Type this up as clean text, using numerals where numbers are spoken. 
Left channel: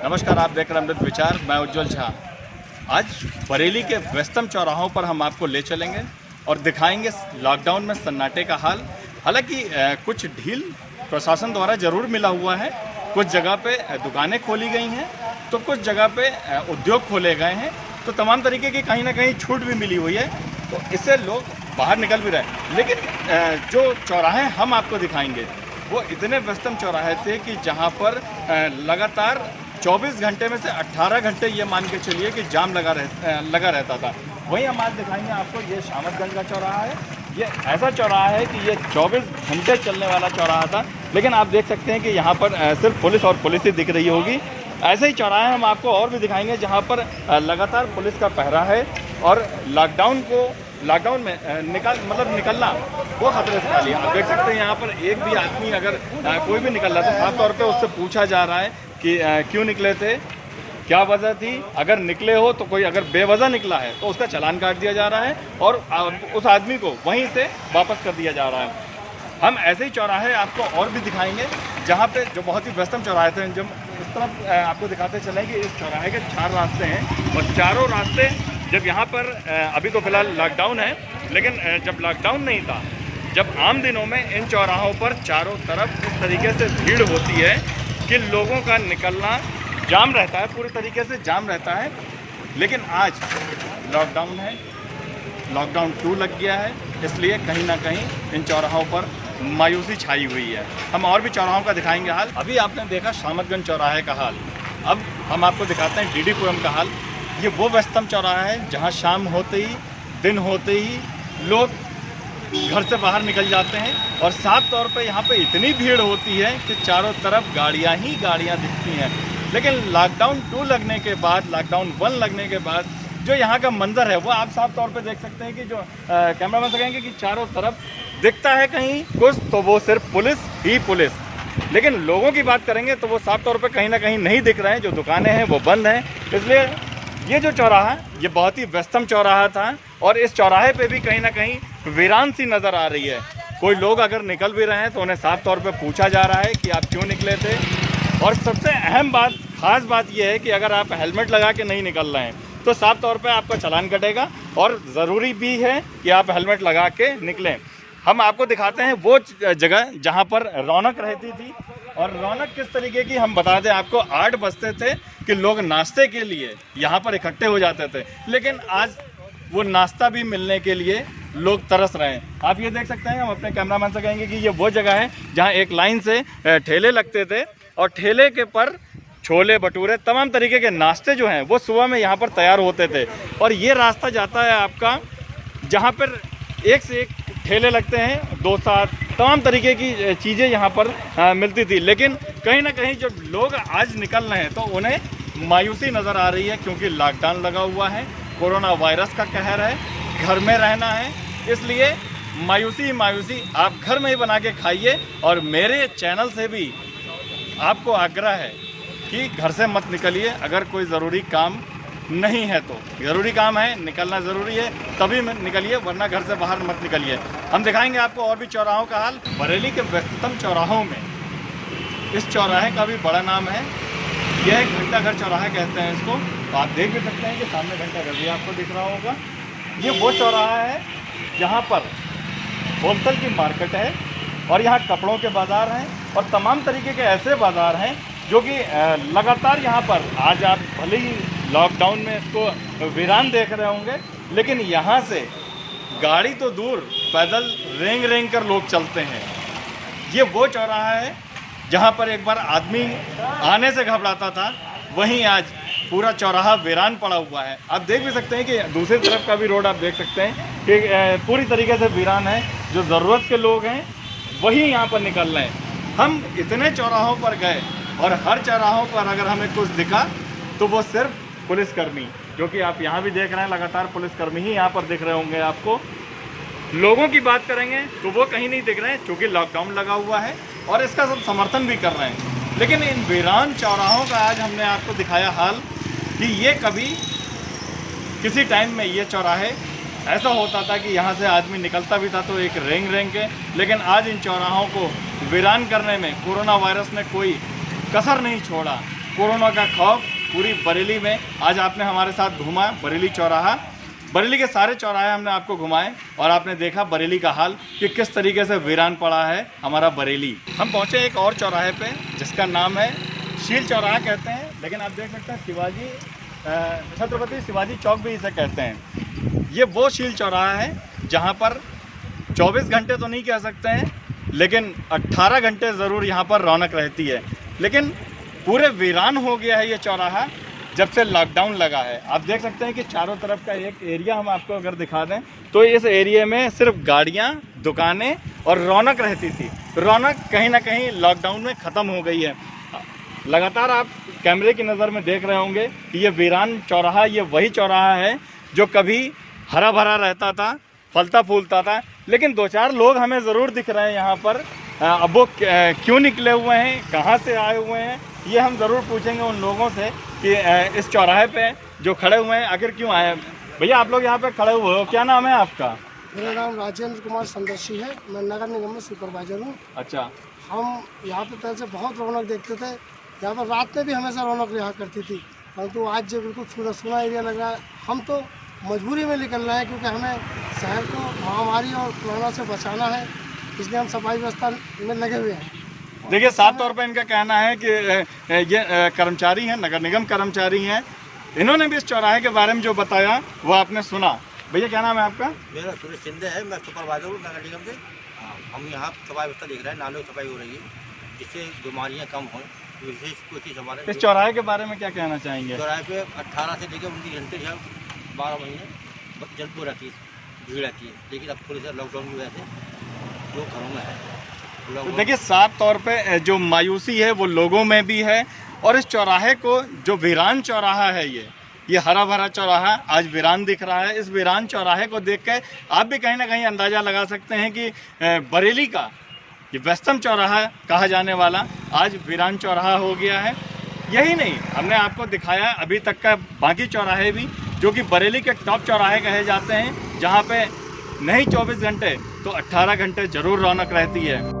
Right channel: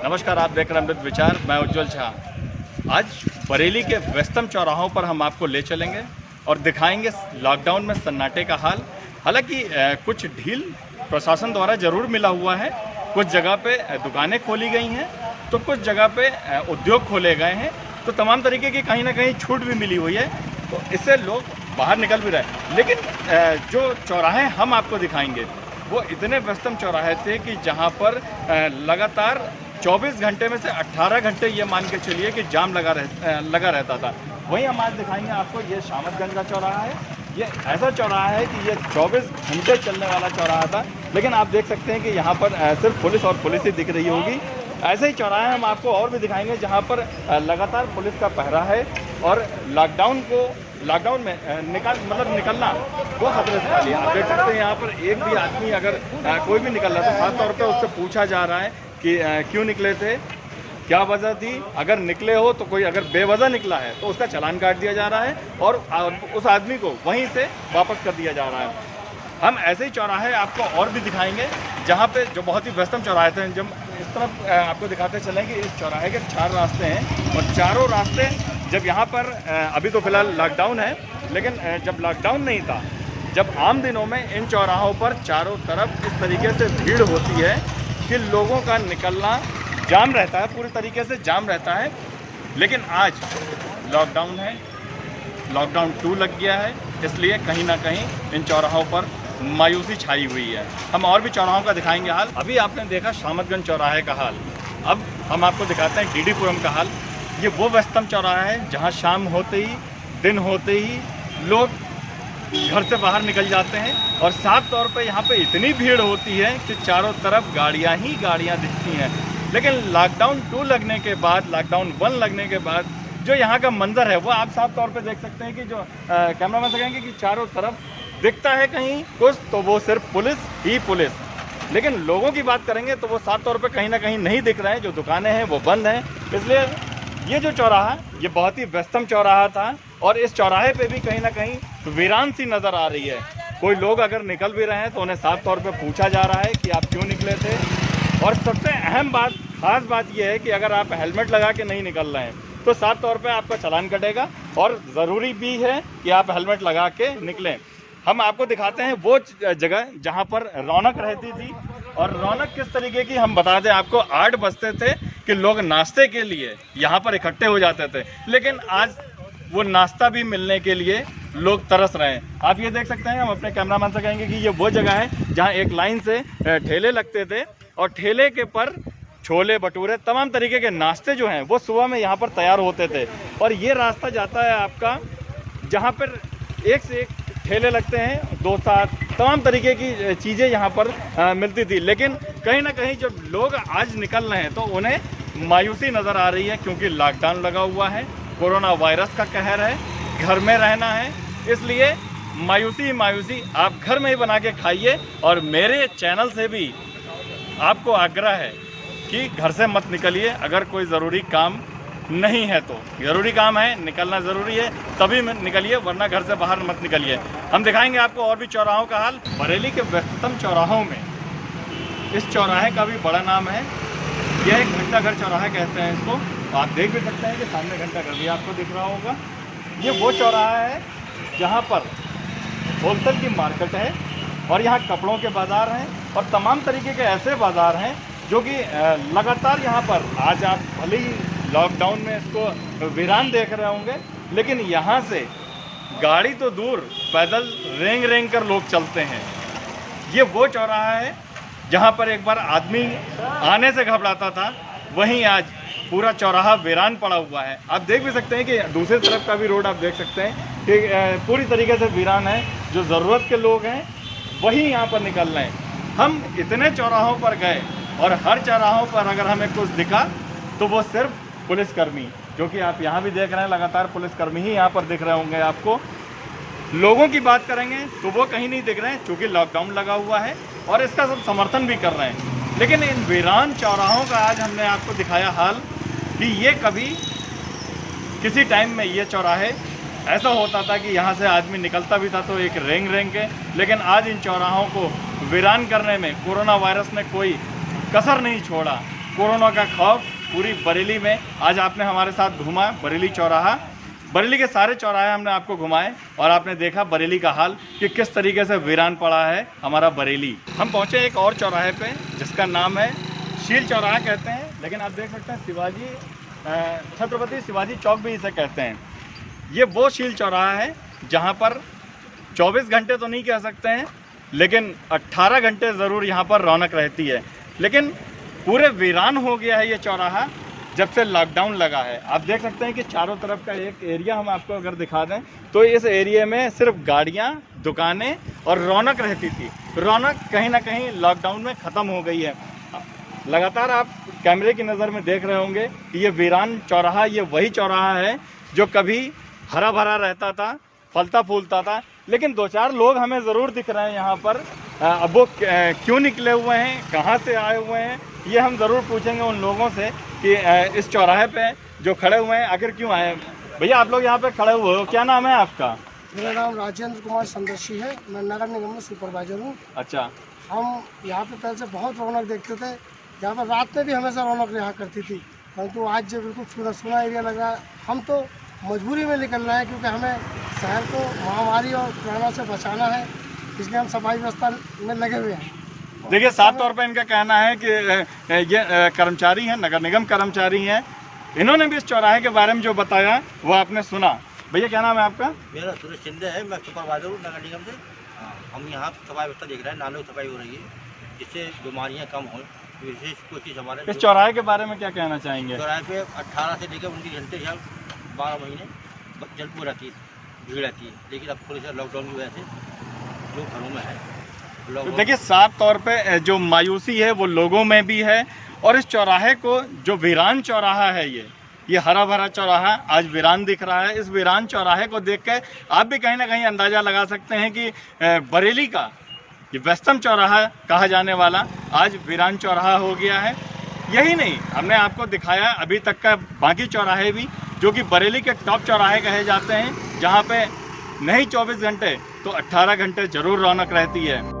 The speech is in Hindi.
नमस्कार, आप देख रहे हैं अमृत विचार। मैं उज्जवल झा। आज बरेली के व्यस्तम चौराहों पर हम आपको ले चलेंगे और दिखाएंगे लॉकडाउन में सन्नाटे का हाल। हालांकि कुछ ढील प्रशासन द्वारा ज़रूर मिला हुआ है। कुछ जगह पे दुकानें खोली गई हैं तो कुछ जगह पे उद्योग खोले गए हैं, तो तमाम तरीके की कहीं ना कहीं छूट भी मिली हुई है, तो इससे लोग बाहर निकल भी रहे हैं। लेकिन जो चौराहे हम आपको दिखाएंगे वो इतने व्यस्तम चौराहे थे कि जहाँ पर लगातार 24 घंटे में से 18 घंटे ये मान के चलिए कि जाम लगा रहता था। वहीं हम आज दिखाएंगे आपको, ये शामतगंज का चौराहा है। ये ऐसा चौराहा है कि ये 24 घंटे चलने वाला चौराहा था, लेकिन आप देख सकते हैं कि यहाँ पर सिर्फ पुलिस और पुलिस ही दिख रही होगी। ऐसे ही चौराहे हम आपको और भी दिखाएंगे जहाँ पर लगातार पुलिस का पहरा है और लॉकडाउन में निकलना वो खतरे से खाली है। आप देख सकते हैं यहाँ पर एक भी आदमी अगर कोई भी निकल रहा है तो खास तौर पे उससे पूछा जा रहा है कि क्यों निकले थे, क्या वजह थी। अगर निकले हो तो कोई अगर बेवजह निकला है तो उसका चालान काट दिया जा रहा है और उस आदमी को वहीं से वापस कर दिया जा रहा है। हम ऐसे ही चौराहे आपको और भी दिखाएंगे जहाँ पे जो बहुत ही व्यस्तम चौराहे थे। जब इस तरफ आपको दिखाते चलेंगे, इस चौराहे के 4 रास्ते हैं और चारों रास्ते जब यहाँ पर अभी तो फिलहाल लॉकडाउन है, लेकिन जब लॉकडाउन नहीं था, जब आम दिनों में इन चौराहों पर चारों तरफ इस तरीके से भीड़ होती है कि लोगों का निकलना जाम रहता है, पूरी तरीके से जाम रहता है। लेकिन आज लॉकडाउन है, लॉकडाउन 2 लग गया है, इसलिए कहीं ना कहीं इन चौराहों पर मायूसी छाई हुई है। हम और भी चौराहों का दिखाएंगे हाल। अभी आपने देखा शामतगंज चौराहे का हाल, अब हम आपको दिखाते हैं डीडीपुरम का हाल। ये वो व्यस्तम चौराहा है जहाँ शाम होते ही, दिन होते ही लोग घर से बाहर निकल जाते हैं और साफ तौर पे यहाँ पे इतनी भीड़ होती है कि चारों तरफ गाड़ियाँ ही गाड़ियाँ दिखती हैं। लेकिन लॉकडाउन 2 लगने के बाद, लॉकडाउन 1 लगने के बाद जो यहाँ का मंजर है वो आप साफ तौर पे देख सकते हैं कि जो कैमरामैन से कहेंगे कि चारों तरफ दिखता है कहीं कुछ तो वो सिर्फ पुलिस ही पुलिस। लेकिन लोगों की बात करेंगे तो वो साफ तौर पे कहीं ना कहीं नहीं दिख रहे हैं, जो दुकानें हैं वो बंद हैं। इसलिए ये जो चौराहा ये बहुत ही व्यस्तम चौराहा था और इस चौराहे पे भी कहीं ना कहीं वीरान सी नज़र आ रही है। कोई लोग अगर निकल भी रहे हैं तो उन्हें साफ तौर पे पूछा जा रहा है कि आप क्यों निकले थे। और सबसे अहम बात, खास बात यह है कि अगर आप हेलमेट लगा के नहीं निकल रहे हैं तो साफ तौर पे आपका चालान कटेगा और ज़रूरी भी है कि आप हेलमेट लगा के निकलें। हम आपको दिखाते हैं वो जगह जहाँ पर रौनक रहती थी, और रौनक किस तरीके की हम बता दें आपको। 8 बजते थे कि लोग नाश्ते के लिए यहाँ पर इकट्ठे हो जाते थे, लेकिन आज वो नाश्ता भी मिलने के लिए लोग तरस रहे हैं। आप ये देख सकते हैं, हम अपने कैमरामैन से कहेंगे कि ये वो जगह है जहाँ एक लाइन से ठेले लगते थे और ठेले के पर छोले भटूरे तमाम तरीके के नाश्ते जो हैं वो सुबह में यहाँ पर तैयार होते थे। और ये रास्ता जाता है आपका जहाँ पर एक से एक ठेले लगते हैं, डोसा तमाम तरीके की चीज़ें यहाँ पर मिलती थी। लेकिन कहीं ना कहीं जब लोग आज निकल रहे हैं तो उन्हें मायूसी नज़र आ रही है, क्योंकि लॉकडाउन लगा हुआ है, कोरोना वायरस का कहर है, घर में रहना है। इसलिए मायूसी आप घर में ही बना के खाइए। और मेरे चैनल से भी आपको आग्रह है कि घर से मत निकलिए, अगर कोई ज़रूरी काम नहीं है तो। ज़रूरी काम है, निकलना ज़रूरी है तभी निकलिए, वरना घर से बाहर मत निकलिए। हम दिखाएंगे आपको और भी चौराहों का हाल। बरेली के व्यस्ततम चौराहों में इस चौराहे का भी बड़ा नाम है। यह एक घंटाघर चौराहा कहते हैं इसको। तो आप देख भी सकते हैं कि सामने घंटाघर भी आपको दिख रहा होगा। ये वो चौराहा है जहाँ पर होलसेल की मार्केट है और यहाँ कपड़ों के बाज़ार हैं और तमाम तरीके के ऐसे बाज़ार हैं जो कि लगातार यहाँ पर, आज आप भले ही लॉकडाउन में इसको वीरान देख रहे होंगे, लेकिन यहाँ से गाड़ी तो दूर, पैदल रेंग कर लोग चलते हैं। ये वो चौराहा है जहाँ पर एक बार आदमी आने से घबराता था, वहीं आज पूरा चौराहा वीरान पड़ा हुआ है। आप देख भी सकते हैं कि दूसरी तरफ का भी रोड आप देख सकते हैं कि पूरी तरीके से वीरान है। जो ज़रूरत के लोग हैं वही यहाँ पर निकल रहे हैं। हम इतने चौराहों पर गए और हर चौराहों पर अगर हमें कुछ दिखा तो वो सिर्फ पुलिसकर्मी, जो कि आप यहाँ भी देख रहे हैं, लगातार पुलिसकर्मी ही यहाँ पर दिख रहे होंगे आपको। लोगों की बात करेंगे तो वो कहीं नहीं दिख रहे हैं, क्योंकि लॉकडाउन लगा हुआ है और इसका सब समर्थन भी कर रहे हैं। लेकिन इन वीरान चौराहों का आज हमने आपको दिखाया हाल कि ये कभी किसी टाइम में ये चौराहे ऐसा होता था कि यहाँ से आदमी निकलता भी था तो एक रेंग के, लेकिन आज इन चौराहों को वीरान करने में कोरोना वायरस ने कोई कसर नहीं छोड़ा, कोरोना का खौफ पूरी बरेली में। आज आपने हमारे साथ घूमा बरेली चौराहा, बरेली के सारे चौराहे हमने आपको घुमाए और आपने देखा बरेली का हाल कि किस तरीके से वीरान पड़ा है हमारा बरेली। हम पहुंचे एक और चौराहे पे जिसका नाम है शील चौराहा कहते हैं, लेकिन आप देख सकते हैं छत्रपति शिवाजी चौक भी इसे कहते हैं। ये वो शील चौराहा है जहाँ पर 24 घंटे तो नहीं कह सकते हैं, लेकिन 18 घंटे ज़रूर यहाँ पर रौनक रहती है। लेकिन पूरे वीरान हो गया है ये चौराहा जब से लॉकडाउन लगा है। आप देख सकते हैं कि चारों तरफ का एक एरिया हम आपको अगर दिखा दें तो इस एरिया में सिर्फ गाड़ियाँ, दुकानें और रौनक रहती थी। रौनक कहीं ना कहीं लॉकडाउन में ख़त्म हो गई है। लगातार आप कैमरे की नज़र में देख रहे होंगे कि ये वीरान चौराहा, ये वही चौराहा है जो कभी हरा भरा रहता था, फलता फूलता था। लेकिन 2-4 लोग हमें ज़रूर दिख रहे हैं यहाँ पर। अब वो क्यों निकले हुए हैं, कहाँ से आए हुए हैं, ये हम ज़रूर पूछेंगे उन लोगों से कि इस चौराहे पे जो खड़े हुए हैं आखिर क्यों आए। भैया आप लोग यहाँ पे खड़े हुए हो, क्या नाम है आपका? मेरा नाम राजेंद्र कुमार संदर्शी है, मैं नगर निगम में सुपरवाइजर हूँ। अच्छा। हम यहाँ पे पहले से बहुत रौनक देखते थे, यहाँ पर रात में भी हमेशा रौनक रहा करती थी, परंतु आज जो बिल्कुल सूना सूना एरिया लग रहा है। हम तो मजबूरी में निकल रहे हैं क्योंकि हमें शहर को महामारी और कोरोना से बचाना है, इसलिए हम सफाई व्यवस्था में लगे हुए हैं। देखिए, साफ तौर पे इनका कहना है कि ये कर्मचारी हैं, नगर निगम कर्मचारी हैं। इन्होंने भी इस चौराहे के बारे में जो बताया वो आपने सुना। भैया क्या नाम है आपका? मेरा सुरेश शिंदे है, मैं सुपरवाइजर हूँ नगर निगम से। हम यहाँ सफाई व्यवस्था देख रहे हैं, नालों की सफाई हो रही है जिससे बीमारियाँ कम हों। विशेष कोशिश हमारे इस चौराहे के बारे में क्या कहना चाहेंगे? चौराहे पे 18 से लेकर 19 घंटे 12 महीने जलपूर रहती है, भीड़ रहती है। लेकिन अब थोड़ी सा लॉकडाउन की वजह से लोग घरों में है। तो देखिए, साफ तौर पे जो मायूसी है वो लोगों में भी है। और इस चौराहे को, जो वीरान चौराहा है, ये हरा भरा चौराहा आज वीरान दिख रहा है। इस वीरान चौराहे को देख कर आप भी कहीं ना कहीं अंदाज़ा लगा सकते हैं कि बरेली का ये व्यस्तम चौराहा कहा जाने वाला आज वीरान चौराहा हो गया है। यही नहीं, हमने आपको दिखाया अभी तक का बाकी चौराहे भी जो कि बरेली के टॉप चौराहे कहे जाते हैं, जहाँ पे नहीं 24 घंटे तो 18 घंटे ज़रूर रौनक रहती है।